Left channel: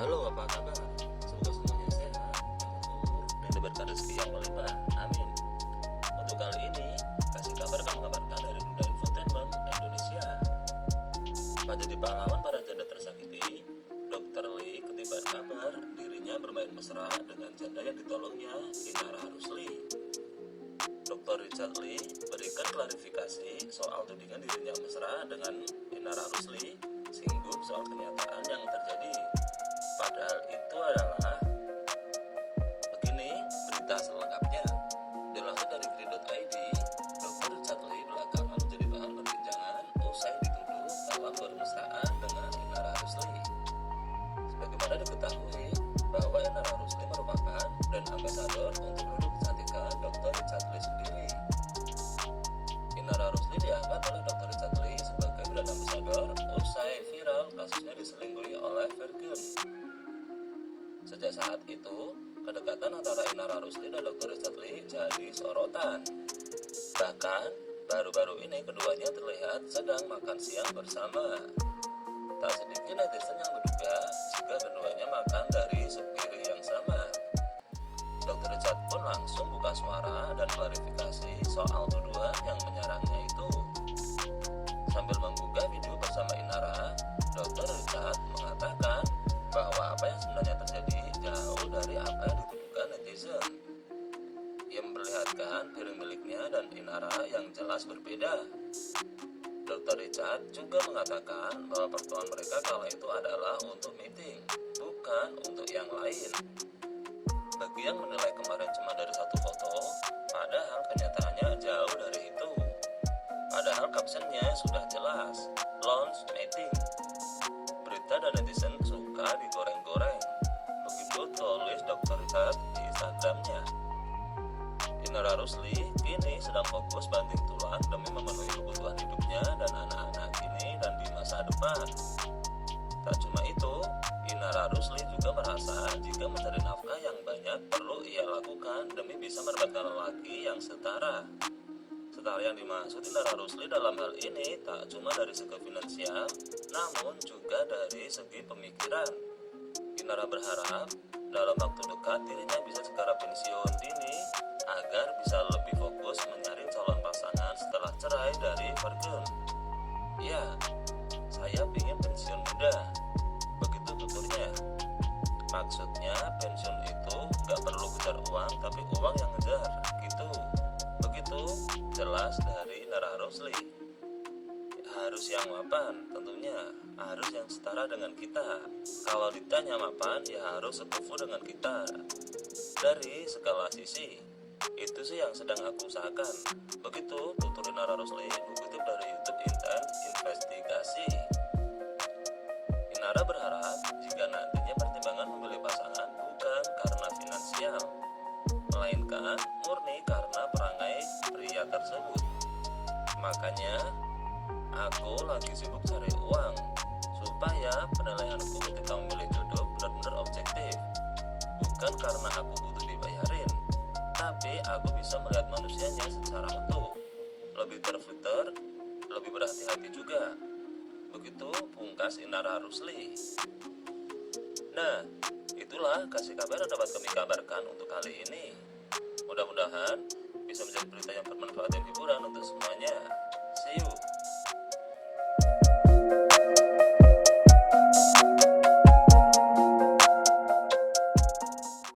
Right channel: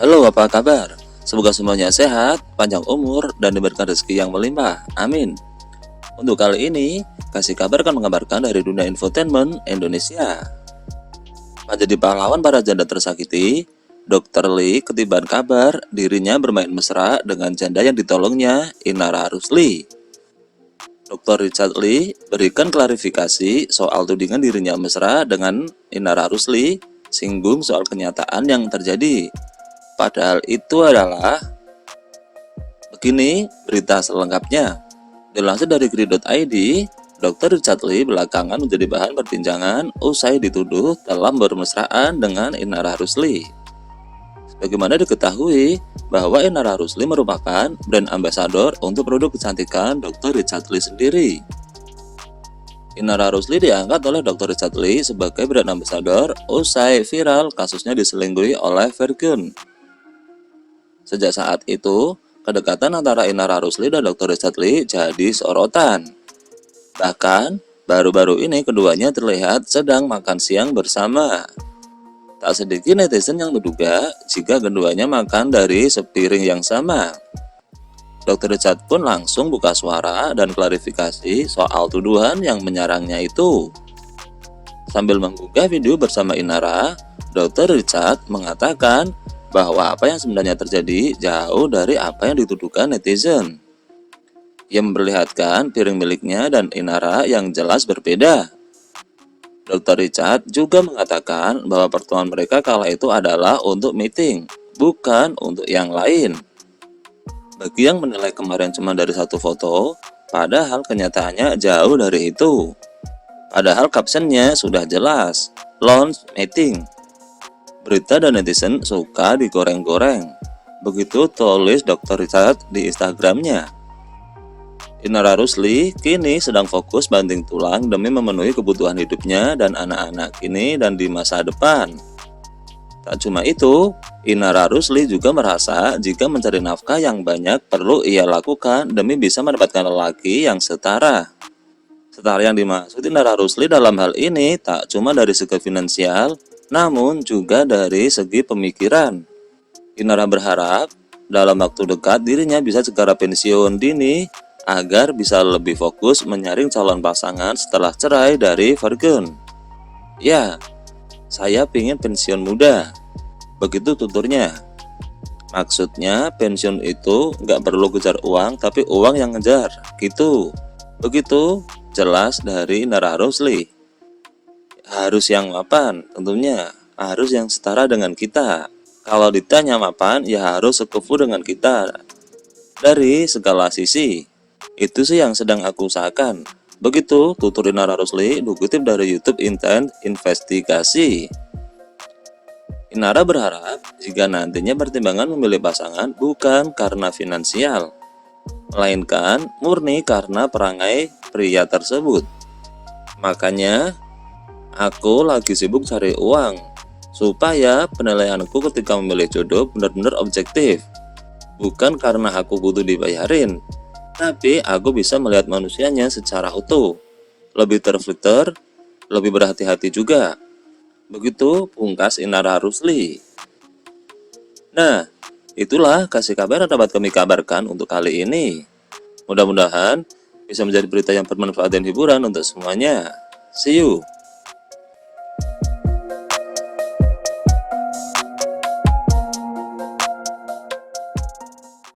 Halo, apa kabar? Semoga semuanya sehat, panjang umur, dan diberikan rezeki yang melimpah. Amin. Untuk kali ini, kasih kabar akan mengabarkan dari dunia infotainment Indonesia. Menjadi pahlawan para janda tersakiti, Dr. Lee ketiban kabar dirinya bermain mesra dengan janda yang ditolongnya, Inara Rusli. Dr. Richard Lee berikan klarifikasi soal tudingan dirinya mesra dengan Inara Rusli, singgung soal kenyataan yang terjadi. Padahal itu adalah begini berita selengkapnya. Dilansir dari Grid.id, Dr. Richard Lee belakangan menjadi bahan perbincangan usai dituduh telah bermesraan dengan Inara Rusli. Sebagaimana diketahui bahwa Inara Rusli merupakan brand ambassador untuk produk kecantikan Dr. Richard Lee sendiri. Inara Rusli diangkat oleh Dr. Richard Lee sebagai brand ambassador usai viral kasusnya diselingkuhi oleh Virgun. Sejak saat itu, kedekatan antara Inara Rusli dan Dr. Richard Lee jadi sorotan. Bahkan, baru-baru ini keduanya terlihat sedang makan siang bersama. Tak sedikit netizen yang menduga jika keduanya makan dari sepiring yang sama. Dr. Richard pun langsung buka suara dan klarifikasi soal tuduhan yang menyerangnya itu. Sambil mengunggah video bersama Inara, Dr. Richard mengatakan bahwa apa yang sebenarnya terjadi jauh dari apa yang dituduhkan netizen. Ia memperlihatkan piring miliknya dan Inara yang jelas berbeda. Dr. Richard juga mengatakan bahwa pertemuan mereka kala itu adalah untuk meeting, bukan untuk yang lain. Bagi yang menilai kemarin cuma dari satu foto, padahal kenyataannya jauh dari itu. Padahal captionnya sudah jelas, launch meeting. Berita dan netizen suka digoreng-goreng. Begitu tulis Dr. Richard di Instagramnya. Inara Rusli kini sedang fokus banting tulang demi memenuhi kebutuhan hidupnya dan anak-anak kini dan di masa depan. Tak cuma itu, Inara Rusli juga merasa jika mencari nafkah yang banyak perlu ia lakukan demi bisa mendapatkan lelaki yang setara. Setara yang dimaksud Inara Rusli dalam hal ini tak cuma dari segi finansial, namun juga dari segi pemikiran. Inara berharap dalam waktu dekat dirinya bisa segera pensiun dini agar bisa lebih fokus menyaring calon pasangan setelah cerai dari Virgun. Ya, saya pingin pensiun muda, begitu tuturnya. Maksudnya pensiun itu nggak perlu kejar uang, tapi uang yang ngejar, gitu. Begitu jelas dari Inara Rusli. Harus yang mapan, tentunya harus yang setara dengan kita. Kalau ditanya mapan, ya harus sekufu dengan kita dari segala sisi. Itu sih yang sedang aku usahakan. Begitu tutur Inara Rusli dikutip dari YouTube Intent Investigasi. Inara berharap jika nantinya pertimbangan memilih pasangan bukan karena finansial, melainkan murni karena perangai pria tersebut. Makanya, aku lagi sibuk cari uang, supaya penilaianku ketika memilih jodoh benar-benar objektif. Bukan karena aku butuh dibayarin, tapi aku bisa melihat manusianya secara utuh, lebih terfilter, lebih berhati-hati juga. Begitu pungkas Inara Rusli. Nah, itulah kasih kabar yang dapat kami kabarkan untuk kali ini. Mudah-mudahan bisa menjadi berita yang bermanfaat dan hiburan untuk semuanya. See you.